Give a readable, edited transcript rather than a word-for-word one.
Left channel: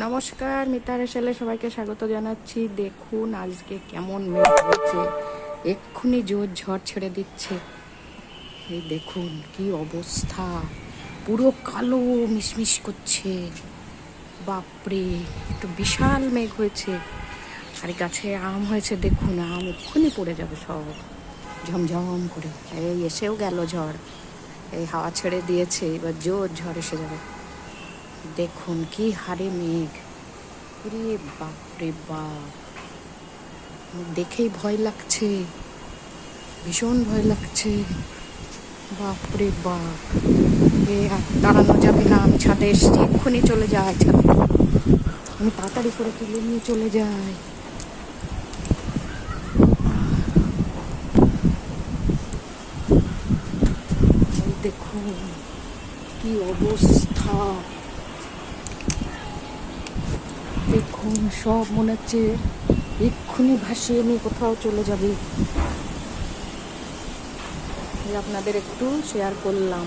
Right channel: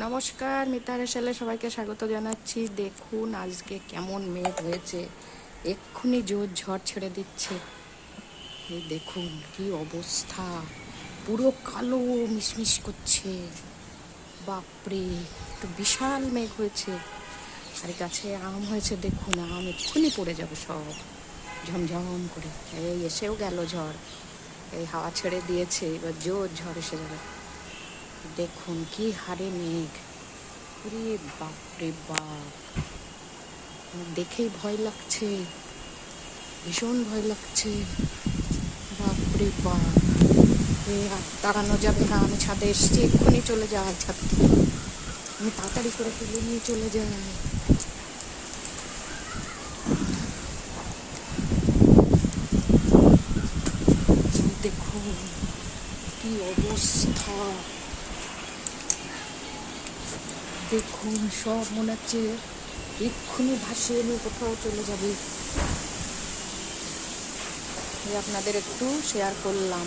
নমস্কার, মিতার হেসেলে সবাইকে স্বাগত জানাচ্ছি। দেখুন আজকে কেমন মেঘ হয়েছে, এক্ষুনি জোর ঝড় ছেড়ে দিচ্ছে। এই দেখুন কি অবস্থা, পুরো কালো মিশমিশ করছে। বাপরে, একটু বিশাল মেঘ হয়েছে। আর গাছে আম হয়েছে, দেখুন আম এক্ষুনি পড়ে যাবে সব ঝমঝম করে। এই এসেও গেল ঝড়, এই হাওয়া ছেড়ে দিয়েছে, এবার জোর ঝড় এসে যাবে। দেখুন কি হারে মেঘ, রে বাপ রে বাপ, দেখেই ভয় লাগছে, ভীষণ ভয় লাগছে। বাপ রে বাপ, এ আর দাঁড়ানো যাবে না। আমি ছাদে এসছি, এক্ষুনি চলে যাই ছাদ, আমি তাড়াতাড়ি করে তুলে নিয়ে চলে যাই। দেখুন কি অবস্থা, দেখুন সব মনে হচ্ছে এক্ষুনি ভাসিয়ে নিয়ে কোথাও চলে যাবে। আপনাদের একটু শেয়ার করলাম।